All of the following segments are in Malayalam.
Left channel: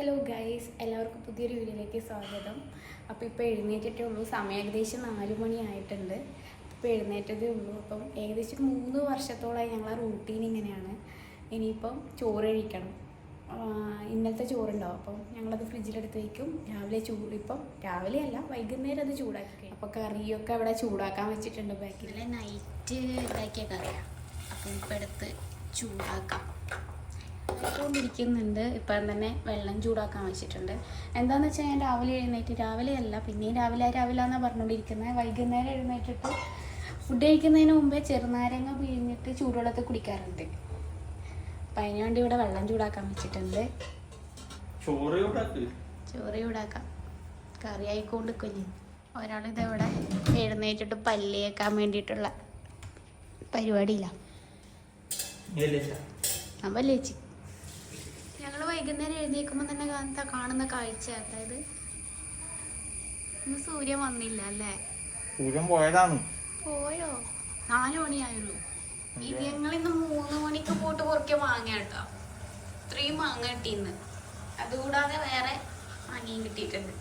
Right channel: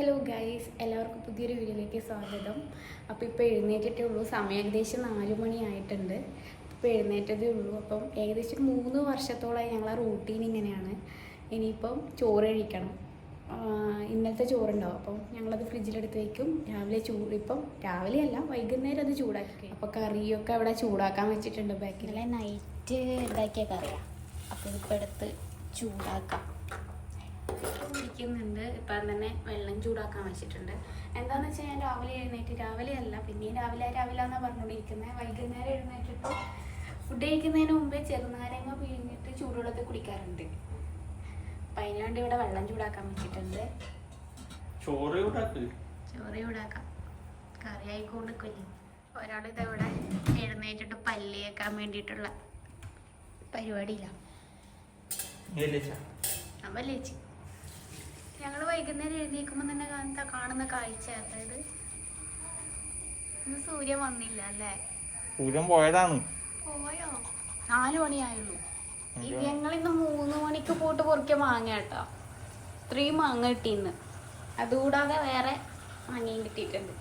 ഹലോ ഗൈസ്, എല്ലാവർക്കും പുതിയൊരു വീഡിയോയിലേക്ക് സ്വാഗതം. അപ്പോൾ ഇപ്പോൾ എഴുന്നേറ്റിട്ടേ ഉള്ളൂ. സമയം ഏകദേശം 4 മണിയായിട്ടുണ്ട്. ഇപ്പോൾ എഴുന്നേറ്റതേ ഉള്ളൂ. അപ്പം ഏകദേശം 3 വർഷത്തോളമായി ഞങ്ങളെ റൂട്ടീൻ ഇങ്ങനെയാണ്. ഇനിയിപ്പം ചോറ് കഴിക്കണം. ഇന്നലത്തെ ചോറുണ്ടാവും, അപ്പം ഞങ്ങളത് ഫ്രിഡ്ജിലെടുത്ത് വയ്ക്കും. രാവിലെ ഇപ്പം രാവിലെ അല്ല, വൈകുന്നേരം അത് ചൂടാക്കി. അപ്പോൾ കറിയൊക്കെ അവിടെ ചൂടാക്കാൻ വെച്ചിട്ടുണ്ട്. ബാക്കിൽ നൈറ്റ് ഉണ്ടാക്കിയ കറിയാണ്. അപ്പോൾ ഇപ്പോൾ എടുത്ത് ചൂടാക്കാം. ഇരിക്കുന്നുണ്ട്. ഇപ്പം തന്നെ വെള്ളം ചൂടാക്കാൻ വെച്ചിട്ടുണ്ട്. എന്താണെന്ന് വെച്ചാൽ ഞാൻ രാവിലെ എഴുന്നേറ്റ്, രാവിലെ അല്ല പിന്നെയും രാവിലെ എന്നാണ് പറഞ്ഞുകൊണ്ടിരിക്കുന്നത്. വൈകുന്നേരം എഴുന്നേറ്റിട്ട് ഫുഡ് കഴിക്കുന്നതിന് മുമ്പേ ചെറുനാരങ്ങ പിഴിഞ്ഞിട്ട് ചൂടുവെള്ളത്തിൽ കുടിക്കാറുണ്ട്. അപ്പം അതിനുവേണ്ടി ഇവിടെ വെള്ളം ചൂടാക്കാൻ വെച്ചിട്ടുണ്ട്. ചോറ് ചൂടാക്കാം. കറി ആയിക്കൊണ്ട് കുഞ്ഞ് ഒരാളിതവിടെ എഴുന്നേറ്റിട്ട് പല്ല് കേൾക്കാൻ വേണ്ടിയിട്ടുള്ള പരിപാടിയില്ല. അപ്പം ലേച്ചി ഞങ്ങൾ വൈകുന്നേരം എഴുന്നേൽക്കുമ്പോൾ തന്നെ കാണുന്ന കാഴ്ച, അതായത് ഇന്ന് സൂര്യൻ വന്നില്ല അല്ലേ? സൂര്യൻ പോയതാണ്. പോയോ? 4 മണിയായുള്ളൂ. ഞങ്ങളിന്ന് 3 മണിക്ക് പോയിട്ട് പൊറിക്കിയ മാങ്ങ കേട്ടോ. 3 മാങ്ങ കിട്ടിയിന്ന്. അതുകൂടാതെ വേറെ മാങ്ങയും കിട്ടിയിട്ടുണ്ട്.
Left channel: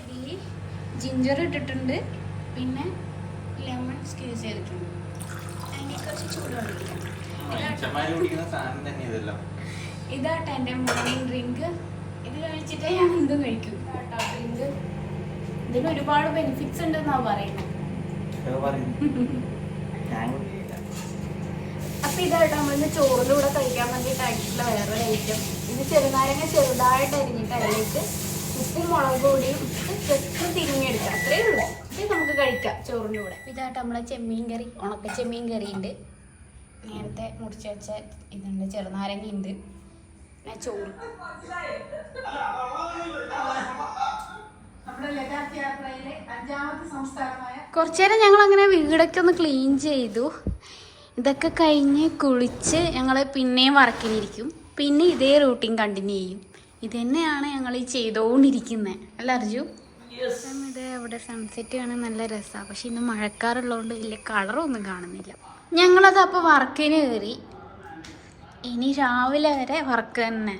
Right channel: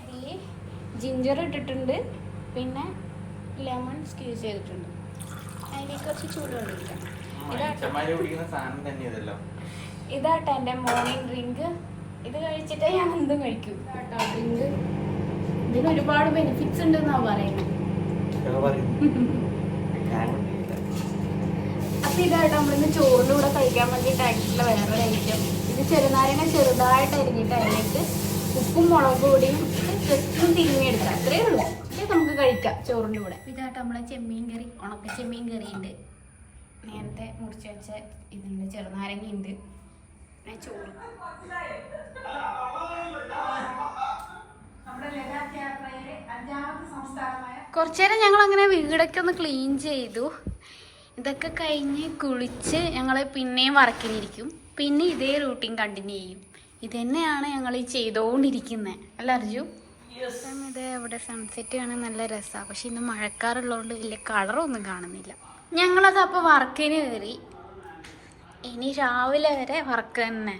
ഇതിൽ ജിഞ്ചർ ഇട്ടിട്ടുണ്ട്, പിന്നെ ലെമൺ സ്ക്വീസ് ചെയ്തിട്ടുണ്ട്. അതിന് കുറച്ച് ചൂടുവെള്ളം ഇരിക്കണം. ഇതാട്ടോ എൻ്റെ മോർണിംഗ് ഡ്രിങ്ക്. ഇത് കഴിച്ചിട്ടേ ഞാൻ എന്തും കഴിക്കും. ഇതാട്ടോ ഡ്രിങ്ക്. ഇതിന് ഒരുപാട് ബെനിഫിറ്റ്സ് ഉണ്ടെന്നാ പറയുന്നത്. അപ്പൊ ഇതാട്ടോ നമ്മളിന്ന് ചോറിൻ്റെ കൂടെ കഴിക്കാൻ വേണ്ടിയിട്ടായിട്ടുള്ള വേറൊരു ഐറ്റം. ഇത് ചെറുനാരങ്ങ ചെറുതായിട്ട് അരിഞ്ഞിട്ട് അതിലേക്ക് ഉപ്പും മുളക് പൊടിയും ജസ്റ്റ് തിരിഞ്ഞെടുക്കുക, അത്രേ ഉള്ളൂ. ഇത് നമുക്ക് കഴിക്കാം ചോറിൻ്റെ കൂടെ. ഇതാട്ടോ നമ്മളെ ചെമ്മീൻ കറി, ഉണക്ക ചെമ്മീൻ കറി ഉണ്ട്. നേരത്തെ മുറിച്ച് വെച്ച ഇതുണ്ട്, ചെറുനാരങ്ങ ഉണ്ട്, പിന്നെ ചോറ്. കുറച്ചു നേരം ഞങ്ങൾ അങ്ങനെ വീടൊക്കെ ഒന്ന് ക്ലീൻ ചെയ്തു. ഇതൊക്കെ കഴിഞ്ഞ് കുളിച്ച് ഞങ്ങൾ പിന്നെയും വർക്കിനിരിക്കും. പിന്നെ ഇതേ റൂട്ടീൻ കണ്ടിന്യൂ ചെയ്യും. ഇത് തന്നെയാണ് ഞങ്ങൾ ഈ ചെയ്തുകൊണ്ടിരിക്കുന്നത്, അല്ല അർജു? ഇത് അവിടെ സൺസെറ്റ് കാണാൻ നല്ല രസമാണ്. പക്ഷെ ഇന്ന് മഴക്കാറുള്ളതുകൊണ്ട് വലിയ കളറൊന്നും കാണുന്നില്ല. ഞങ്ങളത് അപ്പോൾ വർക്കിന് കയറി. ഇനി രാവിലെ വരെ വർക്ക് തന്നെ.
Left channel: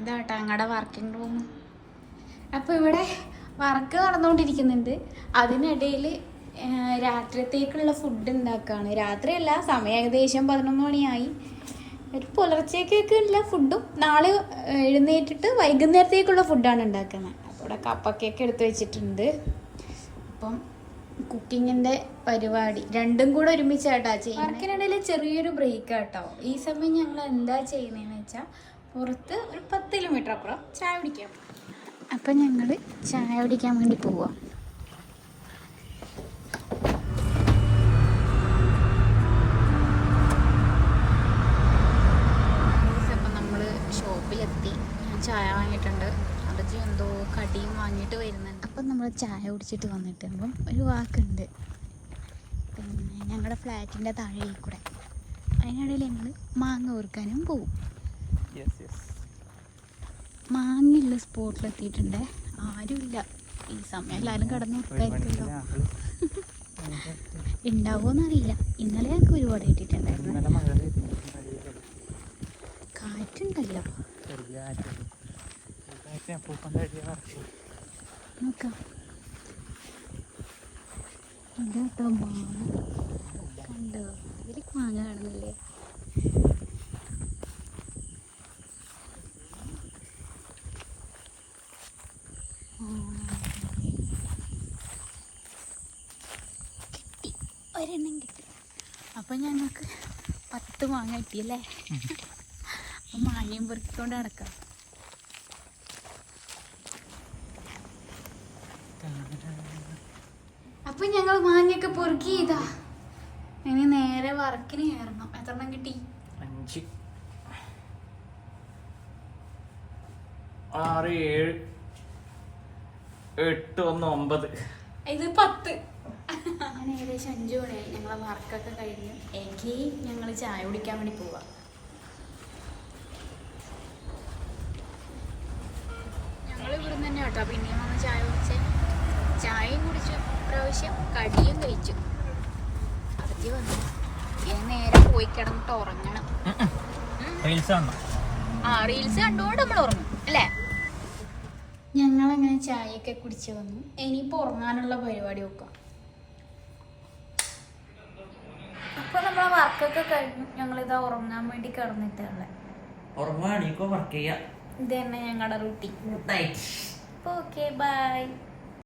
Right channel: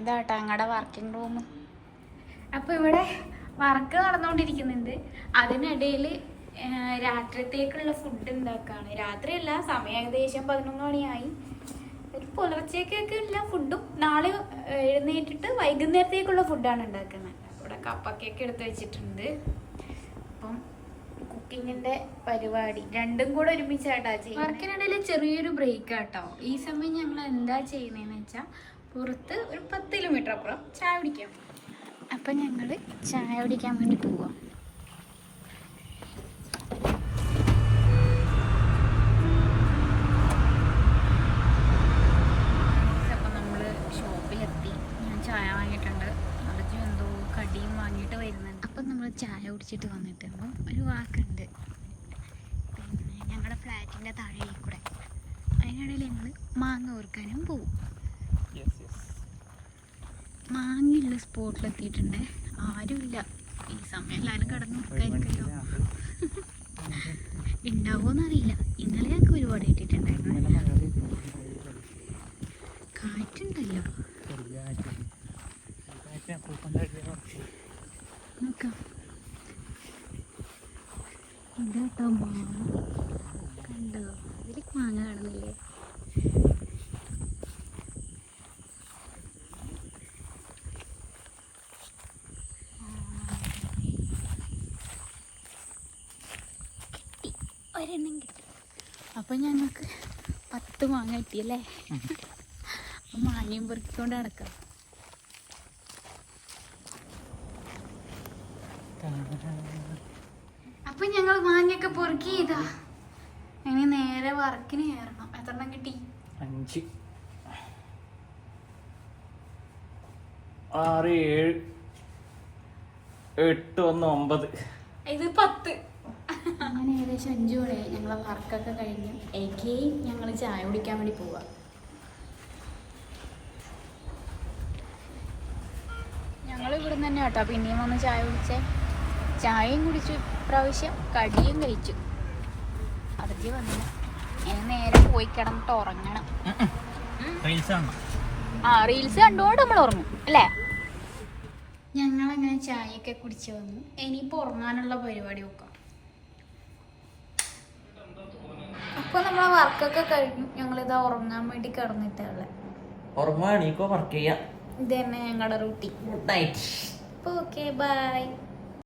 ഇതാട്ടോ ഞങ്ങളുടെ വർക്കിംഗ് റൂം. അപ്പോൾ ഇവിടെ വർക്ക് നടന്നുകൊണ്ടിരിക്കുന്നുണ്ട്. അതിനിടയിൽ രാത്രിത്തേക്കുള്ള ഫുഡ് ഉണ്ടാക്കുകയാണ്. രാത്രിയല്ല, സമയം ഏകദേശം 11 മണിയായി. ഒരു പുലർച്ചയ്ക്കൊക്കെ ഉള്ള ഫുഡും നാളെ എഴുന്നേറ്റിട്ട് വൈകുന്നേരത്തേക്കുള്ള ഫുഡാണ് ഉണ്ടാക്കുന്നത്. ഇവിടെ കപ്പക്കൊക്കെ എടുത്ത് വെച്ചിട്ടുണ്ട്. അപ്പം കുക്കിങ്ങിൻ്റെ പരിപാടി രണ്ടും കൂടെ ഒരുമിച്ചായിട്ടാ ചെയ്യുന്നത്. വർക്കിനിടയിൽ ചെറിയൊരു ബ്രേക്ക് ആട്ടോ. ഈ സമയം ഞങ്ങൾ എന്താ ചെയ്യുന്നതെന്ന് വെച്ചാൽ പുറത്ത് ഒരു 10 കിലോമീറ്റർ അപ്പുറം ചായ കുടിക്കാൻ പോകും. അപ്പം ഞങ്ങൾ ചായ കുടിക്കാൻ വേണ്ടി പോവാം. അപ്പം നമ്മൾ ഷോപ്പിലെത്തി. ഞാൻ ചായ വാങ്ങിയിട്ടുണ്ട്. അതൊക്കെ എന്തോ കടിയും വാങ്ങിയിട്ട് വരുന്നുണ്ട്. അപ്പം നമ്മൾ ചായ കുടിച്ചിട്ട് വന്നിട്ടുമ്പോൾ ഒരു വാക്കുണ്ട്, പിന്നെ ഞങ്ങളുടെ ഫ്ലാറ്റിൻ്റെ താഴെ കൂടെ. അതിനിടയിൽ ഞങ്ങൾ മാങ്ങ ഓർക്കാനും പോവും. മാങ്ങയുള്ള സ്പോട്ടിലെത്തിയിട്ടുണ്ട്. ആരുമില്ല ഈ സമയം. എല്ലാവരും കിടന്ന് ഉറക്കായിരിക്കുമല്ലോ. ഉണ്ടാവുമെന്നറിയില്ല. ഇന്നലെ ഞങ്ങൾക്ക് ഒരുപാട് കിട്ടിയിട്ടുണ്ടായിരുന്നു. കാറ്റുണ്ടല്ലോ. നോക്കാം. ഇതാട്ടോ മാങ്ങ. കണ്ടോ? ഇതിൽ മാങ്ങ കാണുന്നില്ലേ? ഒരെണ്ണം കിട്ടി. അപ്പം ഞങ്ങൾക്ക് 10 മാങ്ങ കിട്ടിയല്ലേ? അപ്പം മാങ്ങയും പൊറുക്കിക്കൊണ്ട് നടക്കാം. അപ്പം ഞങ്ങൾ മാങ്ങയൊക്കെ പൊറുക്കി. ഇതാ ഇനി നേരെ വർക്കിന് കയറണം. എത്രണ്ണം കിട്ടി? 5 6 7 8 1 9. ഇത് 10. അങ്ങനെ ഏകദേശം 5 മണിയായി. ഞങ്ങളെ വർക്കൊക്കെ കഴിഞ്ഞു. ഞങ്ങൾ ചായ കുടിക്കാൻ വേണ്ടി പോവാം. ഞങ്ങൾ ഇവിടുന്ന് തന്നെ കേട്ടോ പിന്നെയും വന്ന് ചായ കുടിച്ചേ. ചായയും കുടിച്ചു, പ്രാവശ്യം കടിയും കഴിച്ചു. അതൊക്കെ വന്നു. ഇനി നേരെ പോയി കിടന്നിട്ട് ഉറങ്ങണം. ആ റീൽസ് കണ്ടുകൊണ്ട് നമ്മൾ ഉറങ്ങും അല്ലേ? ഞങ്ങളങ്ങനെ ചായയൊക്കെ കുടിച്ച് വന്നു. ഇനിയിപ്പോൾ ഉറങ്ങാനുള്ള പരിപാടി നോക്കാം. അപ്പോൾ നമ്മളെ വർക്കൊക്കെ കഴിഞ്ഞു. ഞങ്ങളിതാ ഉറങ്ങാൻ വേണ്ടി കിടന്നിട്ടുള്ള ഉറങ്ങുകയാണെങ്കിൽ വർക്ക് ചെയ്യാം. ഇത് തന്നെ ഞങ്ങളുടെ റൂട്ടീൻ. Good night. അപ്പോൾ ഓക്കെ ബൈ.